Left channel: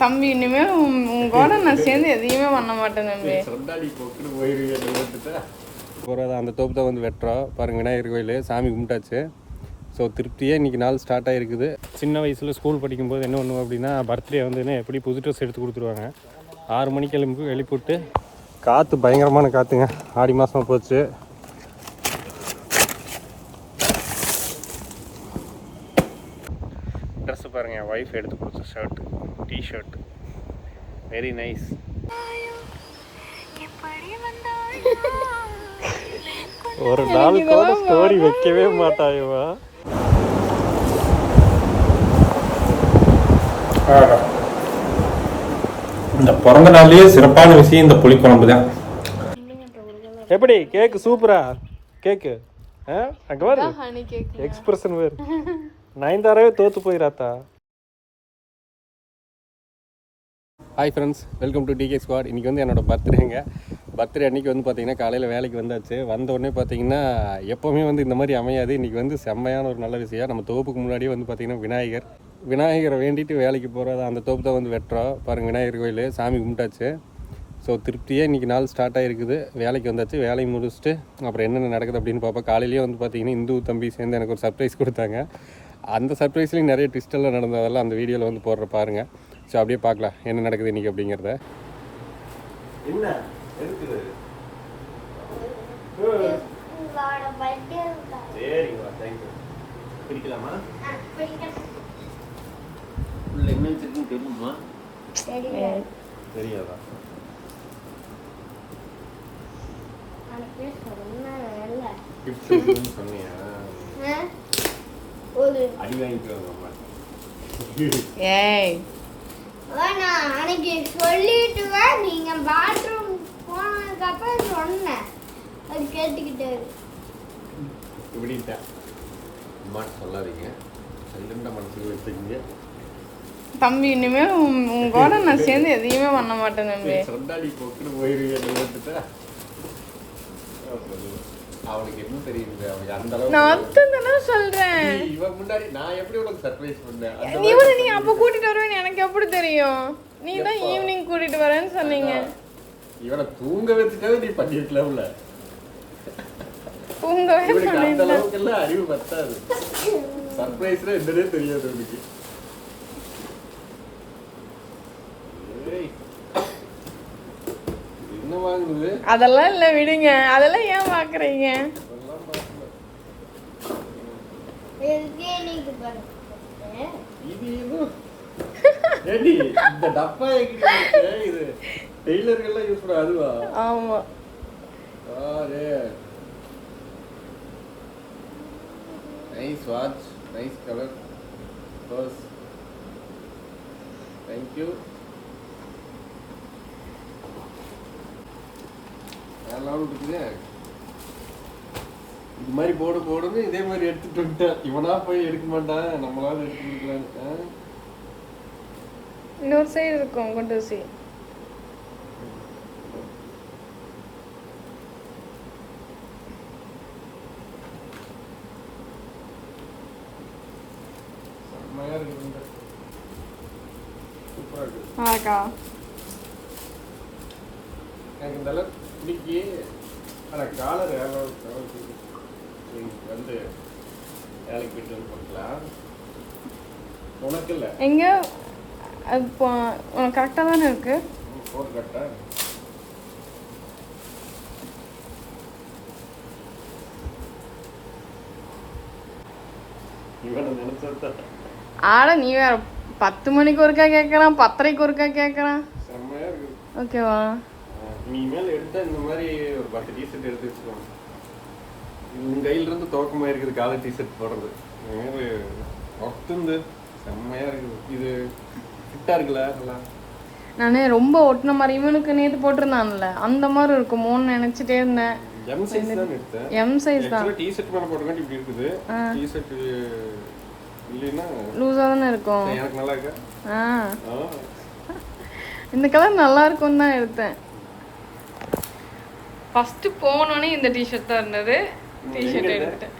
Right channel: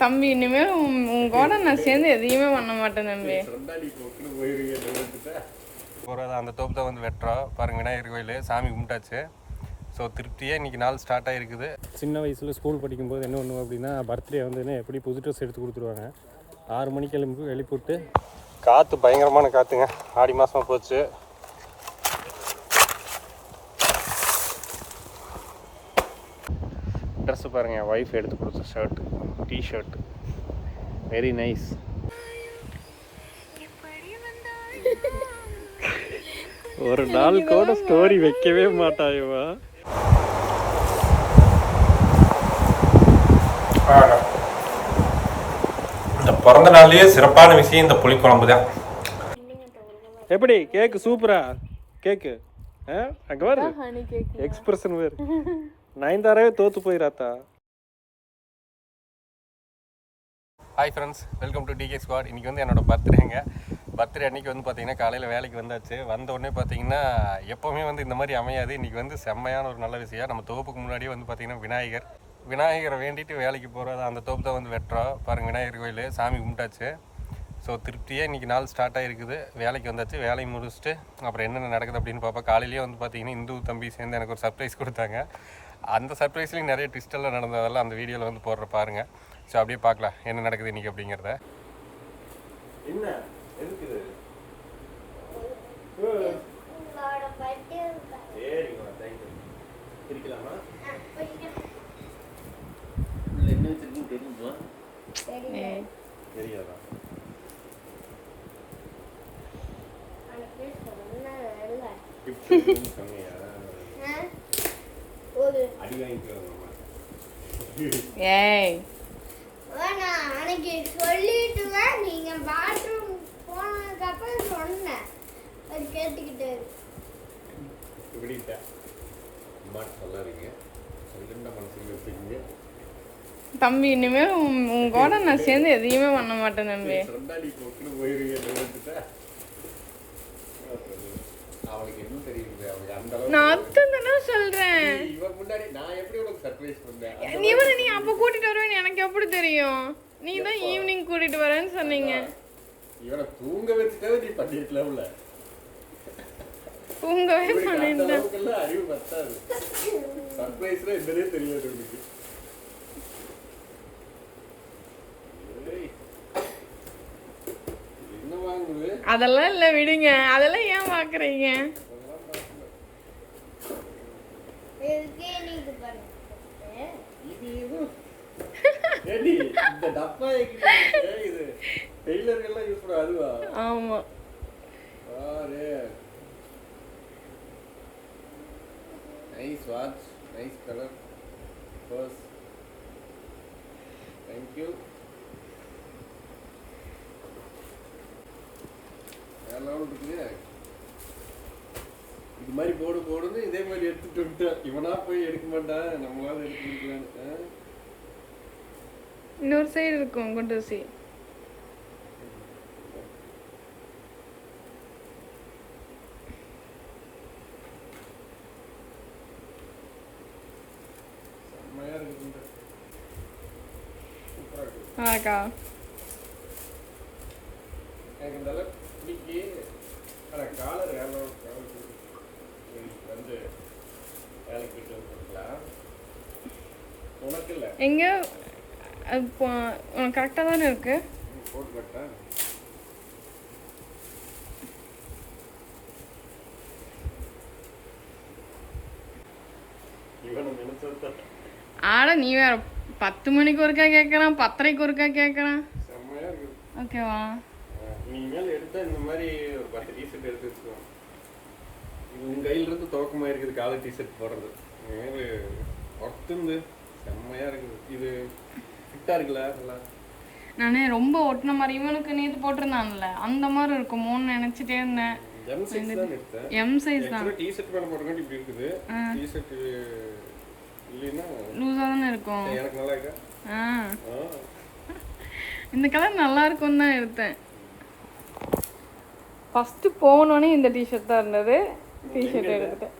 தம்பி இனிமே உங்களோட நான் சேர்ந்து எதையுமே பண்ண மாட்டேன் தம்பி. போகிறது அந்த தோப்பு தான் வந்து வெட்டுறோம். பாருங்கள், விநாயகர் கோயில் சாமி கும்பிட்டாச்சு. ஸோ திருப்தியாக இன்றைக்கி நாள் ஸ்டார்ட் ஆகிருக்குது. சின்ன வயசில் ஸ்கூல் படிக்கும்போது என்ன பண்ணுவோம் அப்படின்னா, பர்த்டே வந்துன்னு எப்படி புது ட்ரெஸ் எடுத்து கொடுத்துருவாங்க. 6 மணிக்கு எழுப்பிவிட்டு காற்று பயங்கரமான காற்றுங்க. ஆடி மாதமாக போச்சு. ட்ரெஸ்ஸு பாருங்கள், என் ஒய்ஃப் எடுத்து கொடுத்த ஷர்ட்டு, டிஷர்ட்டு, வெரி நைஸ். ஒரு நாள் கூட ஸ்டோரி வைக்கவே மாட்டாயவா. இந்த பிறந்த நாள்லயே சிறப்பான விஷயம் இந்த புளிக்குழம்பு தான். எப்படி கேக்கு சூப்பரா கேக்கு அங்க பாரு, எக்ஸ்பிரஷன் வேறு. நயன்தாராவே தோத்து போயிராத்தா. Hi friends, welcome to DK squad. இன்றைக்கி வந்து என்னோடய பர்த்டே அன்றைக்கி வந்து பார்த்திங்கன்னா காலையில் வேலைக்கு வந்தாச்சு. வந்த உடனே பார்த்திங்கன்னா எப்போவுமே வந்து இந்த மாதிரி அமையாது. இன்றைக்கி வந்து செம்மையான ஒரு நல்ல விஷயம். நம்ம தோப்புக்கு முன்னாடியே வந்து பார்த்திங்கன்னா விநாயகரை வேண்டிட்டு வேலைக்கு போகிறது அந்த தோப்பு தான் வந்து வெட்டுறோம். பாருங்கள், விநாயகர் கோயில் சாமி கும்பிட்டாச்சு. ஸோ திருப்தியாக இன்றைக்கி நாள் ஸ்டார்ட் ஆகிருக்குது. வேலைக்கு வந்தாச்சு. வேலையை முடிச்சுட்டு அப்புறம் என்னென்ன நடக்குது அப்படின்னு பார்ப்போம். காலையிலேயே வந்து பார்த்திங்கன்னா இந்து தம்பி சேர்ந்து எனக்கு ஒரு சர்ப்ரைஸ் கொடுத்தாங்க. அந்த சர்ப்ரைஸ்லேயும் நிறைய ட்விஸ்டெல்லாம் நடந்ததெல்லாம் அந்த வீடியோவில் வந்து போடுற பாருங்கள். ஸோ அப்படியே பார்க்கலாம் என்ன நடக்குது இன்றைக்கி அப்படிங்கிறத. என்ன இருக்குது? சரிங்களா, தேங்க்யூ. பிடிக்கலாமா? என்ன வச்சிருக்குன்னு தெரியுமா? தெரியாதா? சொன்னியா? அடி வாங்கிக்கோ. ஏய் அன்னைக்கு சொல்லிட்டு நீங்க பாத்ரூம் போனதுக்கு அப்புறம் சொன்னேன், அது கேட்டுக்கிட்டு இப்படின்ட்டா. அம்மா சொல்லாதீங்க, சொல்லுண்ட மனசுல வச்சுக்கீங்க. தம்பி இனிமே உங்களோட நான் சேர்ந்து எதையுமே பண்ண மாட்டேன் தம்பி. சொன்னாடி போக்குன்னு போயிருவீங்க. அவனுக்கு என்ன தெரியுது? அவனுக்கு அந்த அளவுக்கு நான் அத்தனை சொல்றேன். இவன் முன்னாடி நான் எப்படி உனக்கு சர்ப்ரைஸ் பண்ணேன்? இவனை நீ அப்ப கூட்டிட்டு வருவேன்னு எனக்கு எப்படி தெரியும்? நீ தான் ஈவினிங் கூட்டிட்டு வரேன்னு சொன்னீங்க. இவனை தூங்க வச்சுட்டாவே நீ பண்ணிருக்கலாம்ல. தூங்கவே பண்ணிருக்கேன். அந்த அளவுக்கு எல்லாம் அறிவு பத்தாது. சர்ப்ரைஸ்ல என்னன்னே தெரியாது உனக்கு. என்ன வாங்குது? அதெல்லாம் இல்ல, விடுங்க. அதெல்லாம் ஏன் பாக்குறீங்க? இந்த டப்பா இது டெய்லர்கள்லாம் யூஸ் பண்ண அதுவா? ஆமா. Nice watch, nice colour, purse. Thank you. எல்லாம் இருக்குது. இது மாதிரி போடுன்னு இதே மாதிரி எடுத்துட்டு வந்துட்டேன். இவனா போய் எடுக்க மாட்டான், நம்மளால எடுத்து கொடுக்கலான்னு. இன்னொரு சைடு இருக்கும் கொண்டு சி. செம்மையா இருக்குது. சூப்பரா இருக்கு. ஆக்கா எனக்கு இந்த அளவுக்கு பிடிக்கி. ஆனால் காலர் வந்து வேலைக்கு போயிட்டு வந்து போட்டுக்கலாம். உனக்கு இல்லை எங்க இப்போ கரெக்டாக தானே இருக்கு. போட்டு கரெக்டா? இவனை நினைச்சா ஆட நீ வேற 10 மணிக்கு ஒருக்கா கேட்கறான், 10:30 ஒருக்கா கேட்கறான். செம்மையா இருக்கு. ஓகேவா? நீ மேல எடுத்தா இந்த மாதிரி ஒரு 10 டிஷர்ட் எடுத்து வச்சுக்கோங்க. உன் கையில இருந்து துவக்கமா இருக்குது காலர் டிஷர்ட் போடுறது. ஒர்த்து செம்மையா இருக்குது. இது ஃபிட்டா இருக்குல்ல? நல்லா நானே ரொம்ப ஒட்டின மாதிரி இவனுக்கு நேற்று போட்டிருந்தான்ல அந்த மாதிரி இருக்குமோன்னு நினைச்சிட்டே இருந்தேன். எம் சைஸ் தான் எடுத்தேன். எம் சைஸ் தான். டிஷர்ட் மேல போட்டுக்கிட்டு இப்படி இருக்குது. டிஷர்ட் இல்லைன்னா லூஸா தானே இருக்கும். எனக்கு நல்லா இருக்கா? இந்த கலர் நல்லா இருக்கும்னு தான் எடுத்தேன். ஃபர்ஸ்ட் போனோடனே இந்த டிஷர்ட் தான் இருந்தது. டிஷர்ட் எடுத்துட்டேன்.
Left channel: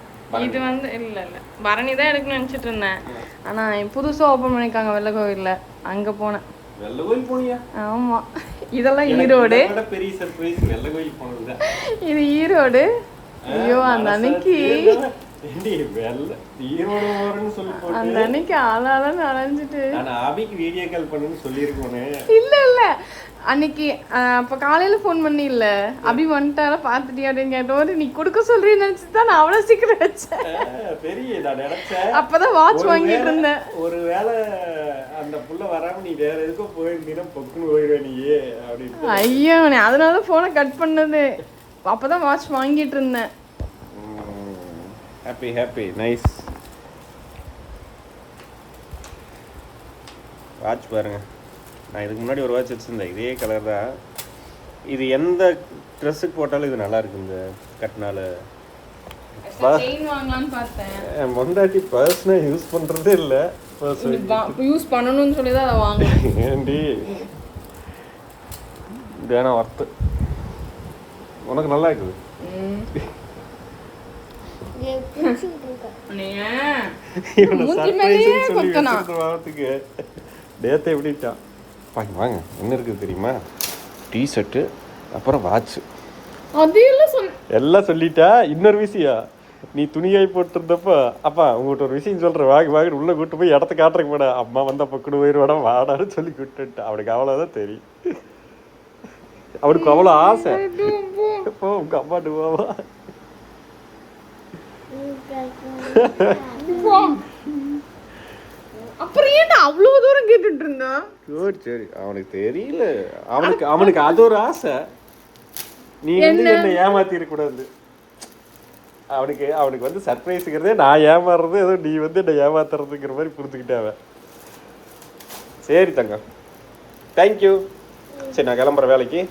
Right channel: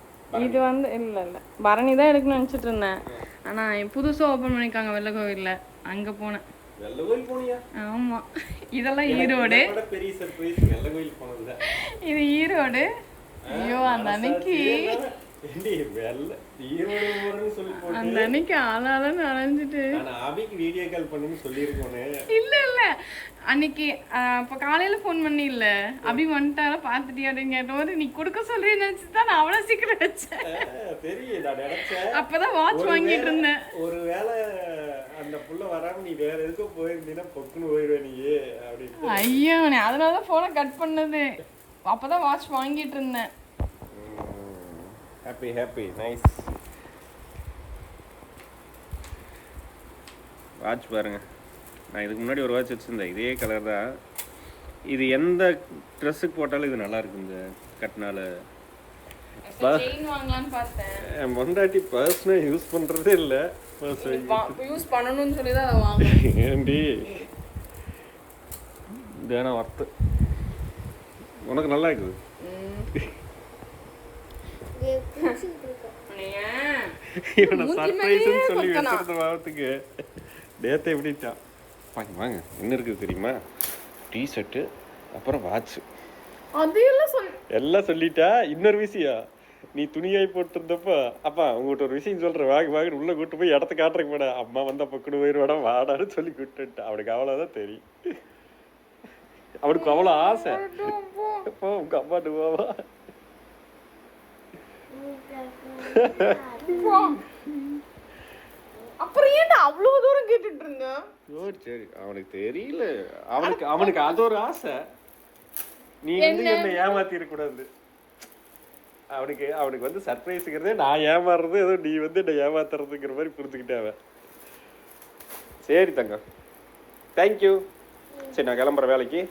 இது வந்து இல்லை பரணி தான் எடுக்கணும்னு நினச்சிட்டு இருந்தேன். ஆனால் புதுசாக ஓப்பன் பண்ணியிருக்காங்க வெள்ளை கோவிலில், அங்கே போனேன். வெள்ளை கோயில் போனியா? ஆமா, இதெல்லாம் ஈரோடு. பெரிய சர்ப்ரைஸ் வெள்ளை கோயில் போனதுதான். இது ஈரோடு. ஐயோ, அந்த அன்னைக்கு அந்த அன்னைக்கு ஆளால நனைஞ்சிட்டு அபிக்கு வீடியோ கால் பண்ணுன்னு சொல்லியிருக்கோனே. இல்ல அன்னைக்கு அப்ப காலையில போன் பண்ணி இல்ல அபி வந்துட்டால பாத்துட்டியா அப்படின்னு கேட்டோம். நீ கொடுக்க சொல்றேன்னு நினைச்சுதான் நான் அவ்வளவு சீக்கிரம் வச்சேன். பெரிய நான் நினைச்சேன் அப்பதான் வாட்ச் வாங்கிட்டு இருந்தேன். ஒருவேளை அந்த புள்ள வராம நீ வேற எதுக்கோ போயிருந்தீங்கன்னா பொக்குன்னு போயிருவேன் நீ அப்படின்னு. ஐயோ, நீ அதனால போனை கட் பண்ணது. அப்பதான் வாட்ச் வாங்கிட்டு இருந்தேன். Happy nice. வாட்ச் பாருங்க, நான் இதுக்கு முன்னாடி ஒரு வாட்ச் வச்சுருந்தேன், இதே கலர் தான். இது எந்த ட்ரெஸ்ஸுக்கு போட்டாலும் இது நல்லா இருக்கு. இந்த கட்டினால மொண்டாட்டி பர்ஸ்னா யூஸ் பண்ணுறதே இல்லை. யூஸ் பண்ணணும்னு சொல்லி தான் அதை வாங்கினேன். ஏண்டி தேனா ஒர்த்து, உனக்கு நல்லா இருக்குது. டேத்தை எப்படிட்டான் வாங்க வாங்க. என்ன இருக்குது தெரியுமா? டிஷர்ட்டு, அப்புறம் வாட்சு, எல்லாம் சொல்லிட்டா. இன்னொரு விஷயம், நீ துணியாய் போட்டுருந்தப்போ அப்பா உங்கள்கிட்ட ஒரு விஷயம் சொல்கிறேன் வாங்க வாங்க உள்ள கூட்டு போய் இடத்த காட்டுறக்கு போட. அம்மா வந்தா பக்கத்து போயிடுவாடா வாடான்னு சொல்லி கூப்பிட்டுட்டா. அவனுக்கு அவ்வளோதான் தெரியும். அவனுக்கு அவ்வளோ ஆசை. இப்போ உங்க அம்மாட்டு போவா. அப்புறம் ஏன்டா அவ்வளவு தூரம் கேட்டுட்டு இருந்தா? சரி அவனுக்கு தெரியல. அவனுக்கு அது ஒரு ஆசை. நீ வந்து என்ன ஏமாத்தி இருக்கக்கூடாது. அவனுக்கு வந்து சர்ப்ரைஸுங்கிறதே நான் ஏமாறுறது, ஏதோ நீ வந்து என்ன ஏமாத்துறதுங்கிற மாதிரி புரிஞ்சுக்கிட்டாவ. சரி தங்கம், தேங்க்யூ. சரி நான் கிளம்புறேன் வேலைக்கு.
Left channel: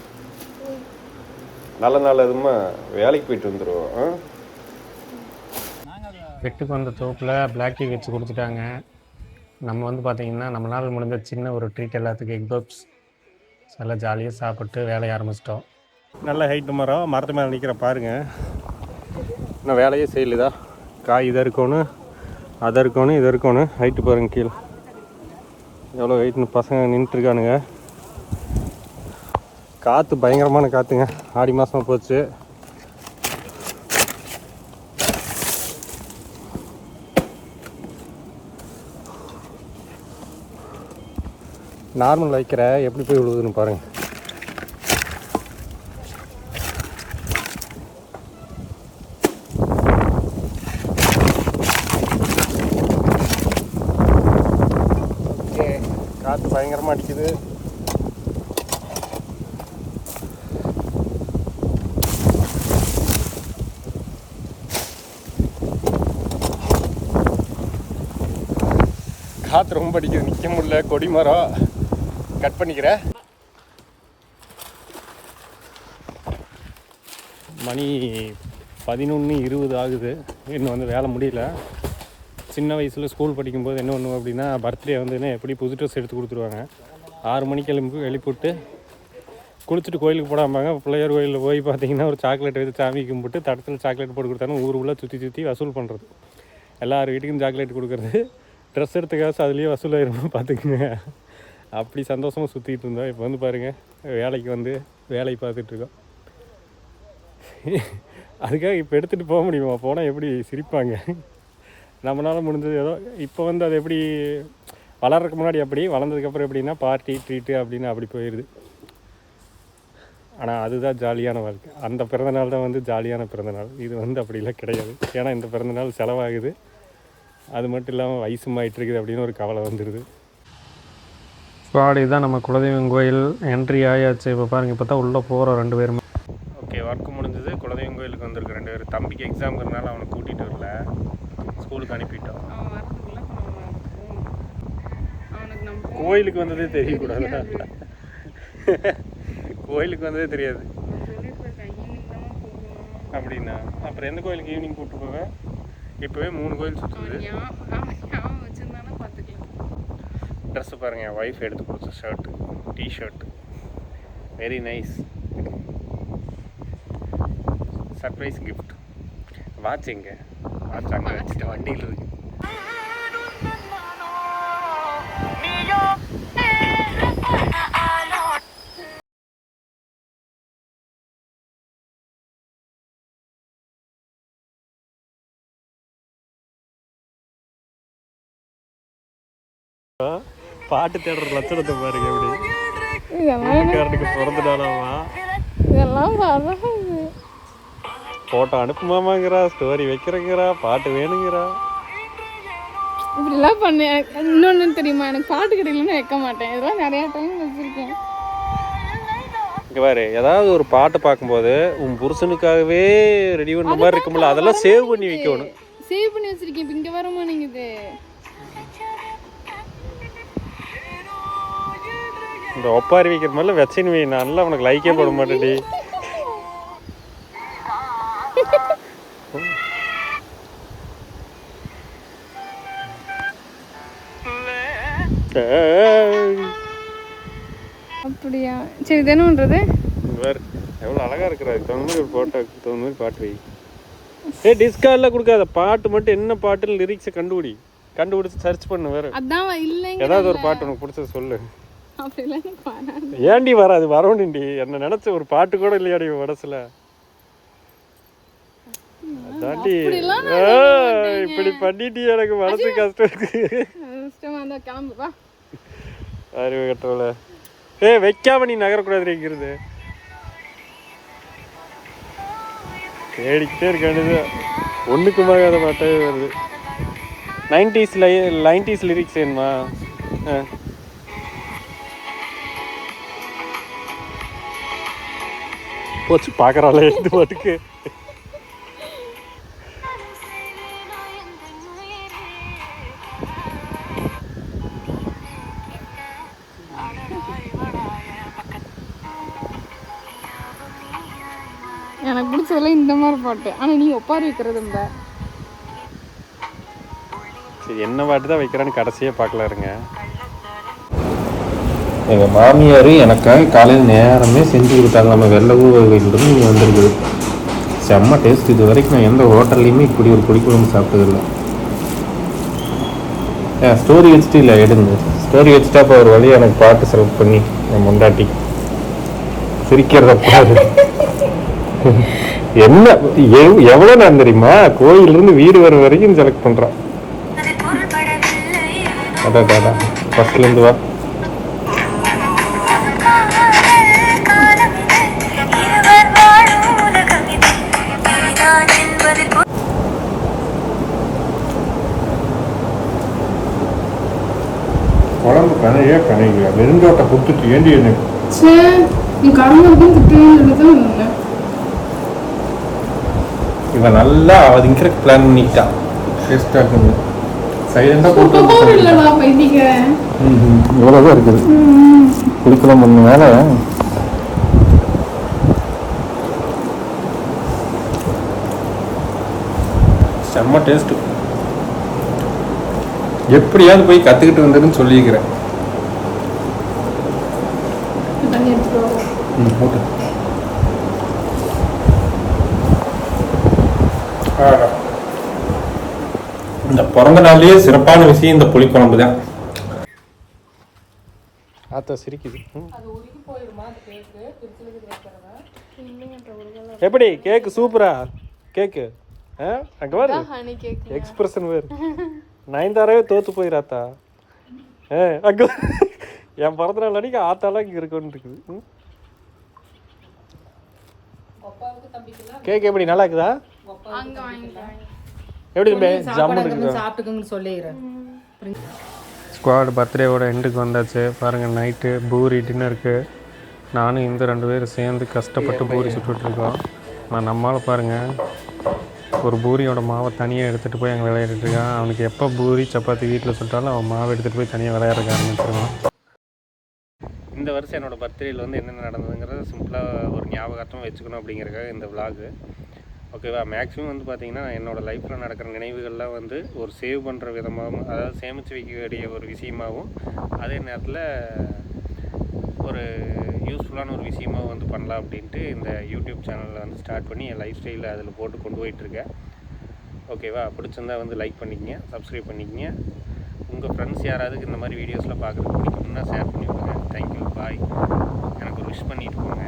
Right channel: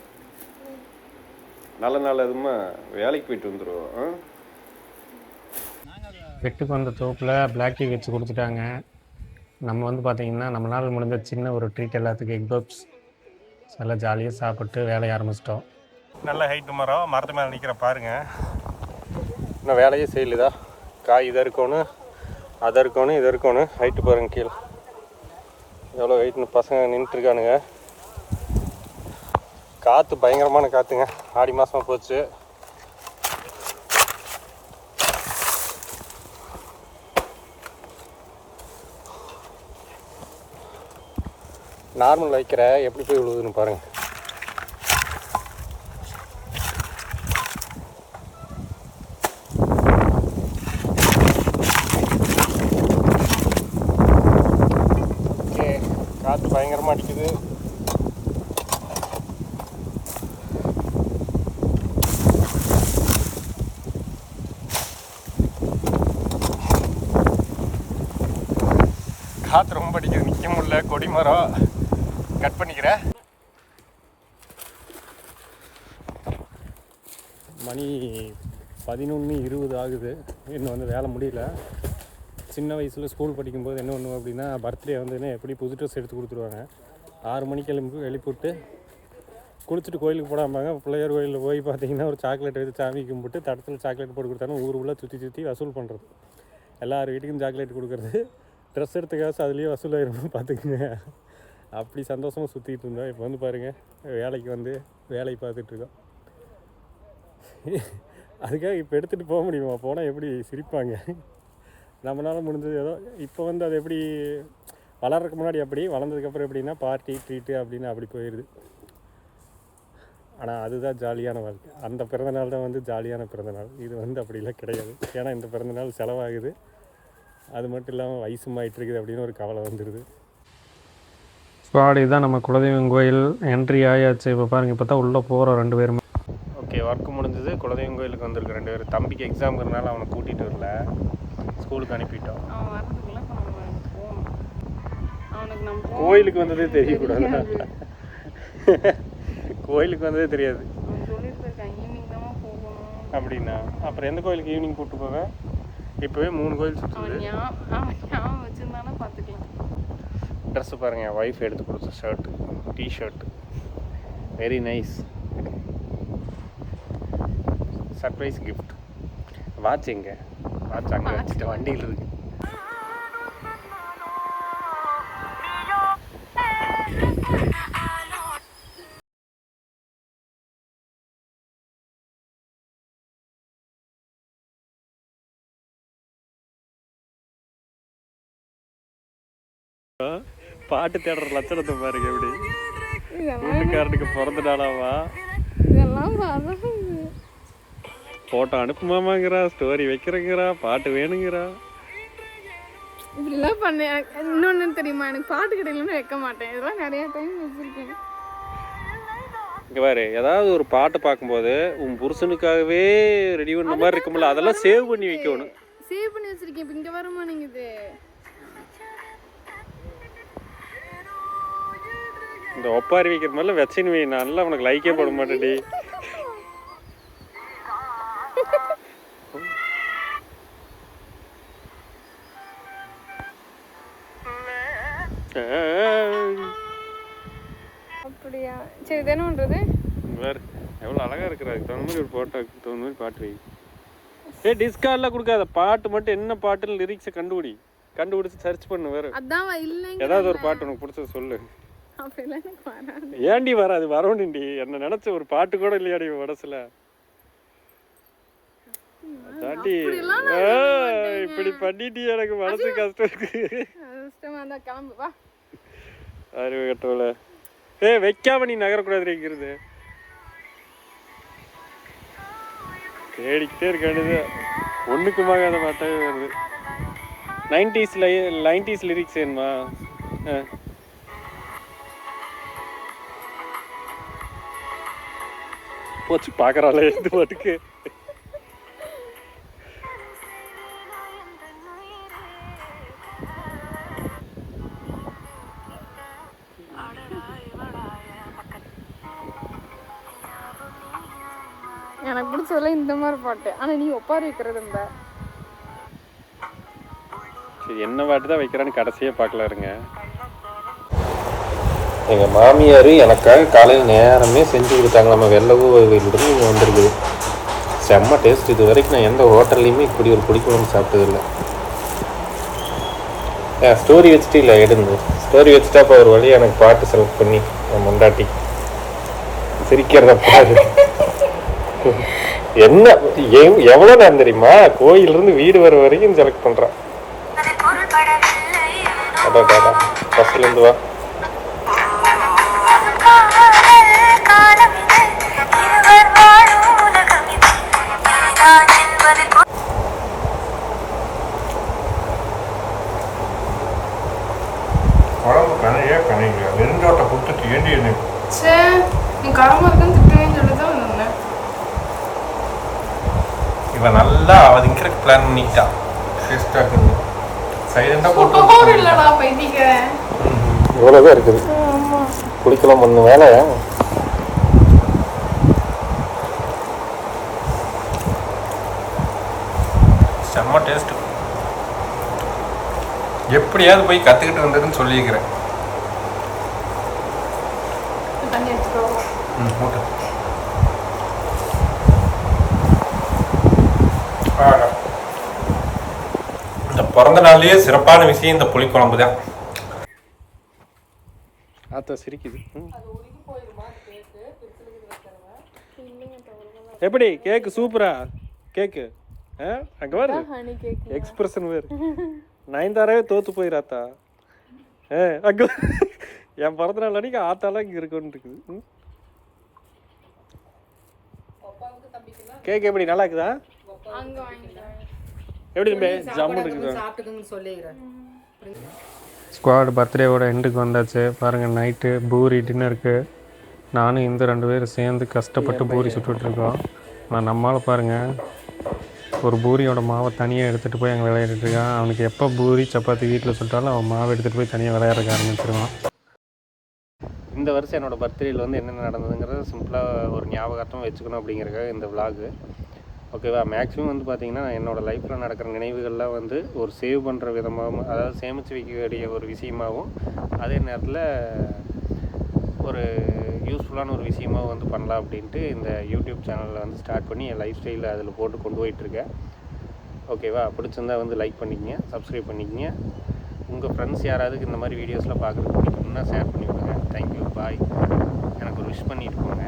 நல்ல எதுமா வேலைக்கு போயிட்டு வந்துடுவோம். வெட்டுக்கு வந்த தோப்பில் பிளாக் டீ வச்சு கொடுத்துட்டாங்க. நம்ம வந்து பார்த்திங்கன்னா நம்மளால் முடிஞ்ச சின்ன ஒரு ட்ரீட் எல்லாத்துக்கும் எக் பப்ஸ் நல்லா ஜாலியாக சாப்பிட்டு வேலையை ஆரம்பிச்சிட்டோம். நல்ல ஹைட்டு மரம், மரத்து மேலே நிற்கிற பாருங்கள். நான் வேலையே செய்யலதா. காய் இதை இருக்கணும், அதை இருக்கணும், இது இருக்கணும். ஹைட்டு பாருங்கள் கீழே எவ்வளோ ஹைட்டுன்னு பசங்க நின்றுட்டுருக்கானுங்க. காற்று பயங்கரமான காற்றுங்க. ஆடி மாதமாக போச்சு. நார்மல் வைக்கிற எப்படி போய் விழுதுன்னு பாருங்க. காற்று பயங்கரமாக அடிக்குது. காற்று ரொம்ப அடிக்குது, நிற்க முடியல. கொடி மரம் கட் பண்ணிக்கிறேன். மணி 11:20 ஆகுது. இன்னும் வந்து வேலை முடியல. சின்ன வயசில் ஸ்கூல் படிக்கும்போது என்ன பண்ணுவோம் அப்படின்னா, பர்த்டே வந்துன்னா எப்படி புது ட்ரெஸ் எடுத்து கொடுத்துருவாங்க. 6 மணிக்கு எழுப்பிவிட்டு குளிச்சுட்டு கோயிலுக்கு போடாமல் பிள்ளையார் கோயிலில் போய் பார்த்தீங்கன்னா ஒரு சாக்லேட் எடுத்து சாமி கும்பிட்டு தடத்தில் சாக்லேட் போட்டு கொடுத்தாலும் ஊர் உள்ள சுற்றி வசூல் பண்ணுறது. எல்லார் வீட்டுக்கும் சாக்லேட் கொடுக்குறது. ட்ரெஸ் எடுத்த காசு அதுலேயே வசூலாயிருமா பார்த்துக்குங்க. அப்படி சந்தோஷமாக சுற்றிட்டு இருந்தோம். இப்போ வந்து பாருங்கள் வேலைக்கு வந்து வேலை பார்த்துட்ருக்கோம். அதுக்காக இப்போ எடுத்துகிட்டு போக முடியுமா? போனால் எப்படி சிரிப்பாங்க. நம்மளால் முடிஞ்சது ஏதோ. இப்போ வந்து அது எப்படி வளர்றதுக்கு முன்னாடி அப்படி, வளர்ந்ததுக்கப்புறம் எப்படின்னா பார்ட்டி ட்ரீட்டு அப்படின்னு அப்படி போயிடுது. ஆனால் அதுதான் ஜாலியான வாழ்க்கை. அந்த பிறந்தநாள் தான் வந்து ஜாலியான பிறந்தநாள். இது வந்து அப்படிலாம் கிடையாது. ஏன்னா இந்த பிறந்தநாள் செலவாகுது. அது மட்டும் இல்லாமல் வயசுமாயிட்டு இருக்குது அப்படின்னு ஒரு கவலை வந்துடுது. ஸ்குவாட் இதுதான் நம்ம குலதெய்வம் கோயில் என்ட்ரி ஆயாச்சு. இப்போ பாருங்கள், இப்போ தான் உள்ளே போகிறோம் 2 பேருமே. ஓகே, ஒர்க்கு முடிஞ்சது. குலதெய்வம் கோயிலுக்கு வந்திருக்கு 2 பேர். தம்பிக்கு எக்ஸாம்ங்கிறனால அவனை கூட்டிகிட்டு வரல, ஸ்கூலுக்கு அனுப்பிட்டோம். கோயிலுக்கு வந்ததே தெரியக்கூடாது. கோயிலுக்கு வந்ததே தெரியாது அப்படின்னா அப்புறம் எந்த கோயிலுக்கு ஈவினிங் கூப்பிட்டு போவேன்? இப்போவே 3 கோயில் சுற்றுது. ட்ரெஸ்ஸு பாருங்கள், என் ஒய்ஃப் எடுத்து கொடுத்த shirt, T-shirt, very nice. Surprise gift. Watch எங்கே? வாட்ச் அங்கே வச்சுட்டு வண்டியில் இருக்குது. பாட்டு தேடுற லட்சணத்தை பாருங்க எப்படி. இதெல்லாம் வீட்டுக்காரனுக்கு பிறந்த நாளாமா இதெல்லாம் அழகா போட்டோ அனுப்புமாமாங்கிறா, ஸ்டோரி வைக்கிறேங்கிறா, பாட்டு வேணுங்கிறா. இப்படிலாம் பண்ண. இன்னொன்று தெரியுமா, எனக்கு பாட்டு கிடைக்கலன்னு வைக்க மாட்டேன். இதெல்லாம் நிறையா டைம் வச்சுருக்கேன். இங்கே பாரு, ஏதாவது ஒரு பாட்டு பார்க்கும்போது உன் புருஷனுக்காகவே ரெடி பண்ண மாதிரி இருக்கும்ல, அதெல்லாம் சேவ் பண்ணி வைக்கணும். சேவ் பண்ணி வச்சிருக்கேன். இப்போ இங்கே வரமா நீங்கள் இது இந்த ஒப்பாரி வைக்கிற மாதிரிலாம் வச்சின்னு வை, நல்லா உனக்கு லைக்கே போட மாட்டேடி. அப்படியா? சரி, இது என்ன பண்ணுறது? வேறு எவ்வளோ அழகாக இருக்கிற, அதுக்கு தகுந்த மாதிரி ஒரு ஃபோட்டோக்கு தகுந்த மாதிரி பாட்டு வை. டிஸ்கார்ட்லாம் கொடுக்காத, பாட்டு மட்டும் என்ன பாட்டுன்னு லிரிக்ஸை கண்டுபிடிச்சி சர்ச் பண்ணு. வேறு அதான் இல்லைங்க. ஏதாவது ஒரு பாட்டு உனக்கு பிடிச்சது சொல்லு. அப்படிலாம் ஏன்டி வராது, வரணுண்டி. என்ன நினச்ச ஒரு பாட்டு கூட இல்லையாடி மனசில். அதாண்டி இப்படி பண்ணிட்டு எனக்கு மனசு கஷ்டம் இருக்கு. கிளம்புவா அறிவு கட்டோல. வைக்காம நீ நகரக்கூடாதுங்கிறது தேடிக்கிட்டே இருக்கானது. ஒன்றுக்குமாக அதை பாட்டாவே வருது. 90s லிரிக்ஸ் வேணுமா? போச்சு பார்க்குறாள் எடுத்து பாட்டுக்கு. எனக்கு பிடிச்சதெல்லாம் இந்த மாதிரி பாட்டு. ஆனால் நீ ஒப்பாரி வைக்கிறது இந்த சரி, என்ன பாட்டு தான் வைக்கிறான்னு கடைசியாக பார்க்கல இருங்க. எங்கள் மாமியார் எனக்காக காலையில் நேரமே செஞ்சு கொடுத்தாங்க. நம்ம வெள்ளை ஊரிலிருந்து வந்துருக்குது. செம்ம டேஸ்ட். இது வரைக்கும் நான் எந்த ஹோட்டல்லையுமே இப்படி ஒரு பிடிக்கும்னு சாப்பிட்டது. ஸ்டோரி வச்சுட்டு இல்லை எடுங்க. ஸ்டோரி வச்சுட்டா இப்போ ஒரு வழியாக எனக்கு பாட்டு செலக்ட் பண்ணி முன்னாடி சிரிக்கிறத என்ன எவ்வளோ நான் தெரியுமா, கோயிலிருந்து வீடு வர வரைக்கும் செலக்ட் பண்ணுறேன். ஃபஸ்ட்லேருந்து வா. குழம்பு கனையா நெருஞ்சோட்டை கொடுத்துட்டு ஏண்டி என்ன நீ காரமாக இருக்குன்னு திட்டுவீங்கன்னு சொல்லி தான் வந்தேன். இவன் நல்லா அவதிங்கிறக்கு பிளான் பண்ணிக்கிட்டான். டேஸ்டாக இருக்குன்னு சைலண்டாக போட்டு இல்லைடா பைத்திக்கிறேன். வேலை தான் இருக்குது. குடிக்கலாம் ஒன்று வேலை. செம்ம டேஸ்ட்டு. எப்படியாவது போய் கற்றுக்கிட்டு வந்ததுன்னு சொல்லியிருக்கிறேன். தண்ணி எடுத்துக்கோ. ஓட்டு. இந்த பிறந்த நாள்லயே சிறப்பான விஷயம் இந்த புளிக்குழம்பு தான். ஆத்தா சிரிக்குது. எப்படி கேக்கு சூப்பரா கேக்கு? அங்க பாரு எக்ஸ்பிரஷன் வேறு. நயன்தாராவே தோத்து போயிராத்தா. அங்க என் பிறந்த நாள் அன்னைக்கு ஆத்தாலாம் இங்க இருக்குன்னு இருக்குது. கேக் எப்படி நல்லா இருக்குதா? எப்படி ஸ்குவாட் பர்த்டேவோட எண்டுக்கு வந்தாச்சு. பாருங்கள், நைட்டு பூரி டின்னருக்கு நானும் இந்த 2 பேரும் சேர்ந்து கஷ்டப்பட்டு பூரி சுட்டுட்ருக்கோம். நான் நம்மளால் பாருங்கள் ஒரு பூரியோட மாவை தனியாக எடுத்துகிட்டு போய் அங்கே விளையாடிட்டுருக்கான். அவனுக்கு எப்போ பூரி சப்பாத்தி வீட்டில் சுட்டாலும் அவன் மாவை எடுத்துகிட்டு போய் தனியாக விளையாடுறதுக்கு ஆரம்பிச்சிருவான். இந்த வருஷம் என்னோடய பர்த்டேயில் வந்து என்னென்ன நடந்ததுங்கிறத சிம்பிளாக ஒரு ஞாபகார்த்தம் வச்சுக்கணும் அப்படிங்கிறக்காக இந்த விலாகு. ஓகேவா? மேக்ஸிமம் வந்து பார்த்திங்கன்னா என்னோடய லைஃப்பில் நடக்கிற நினைவுகள்லாம் வந்து ஒரு சேவ் பண்ணுற விதமாகவும், அதாவது சேமித்து வைக்கக்கூடிய ஒரு விஷயமாகவும், அதே நேரத்தில் ஒரு யூஸ்ஃபுல்லான ஒரு விஷயமாக வந்து பண்ணலாம் அப்படின்ட்டு இந்த யூடியூப் சேனலில் வந்து ஸ்டார்ட் பண்ணி என் லைஃப் ஸ்டைலில் அதில் போட்டு கொண்டு போயிட்டுருக்கேன். ஓகேவா? பிடிச்சிருந்தா வந்து லைக் பண்ணிக்கங்க, சப்ஸ்கிரைப் பண்ணிக்கங்க. உங்கள் ஃப்ரெண்ட்ஸ் யாராவது இந்த மாதிரி வீடியோஸ்லாம் பார்க்குறதுக்கு பிடிக்கும்னா ஷேர் பண்ணி விடுங்க. தேங்க்யூ, பாய். எனக்கு ஒரு விஷ் பண்ணிட்டு போங்க.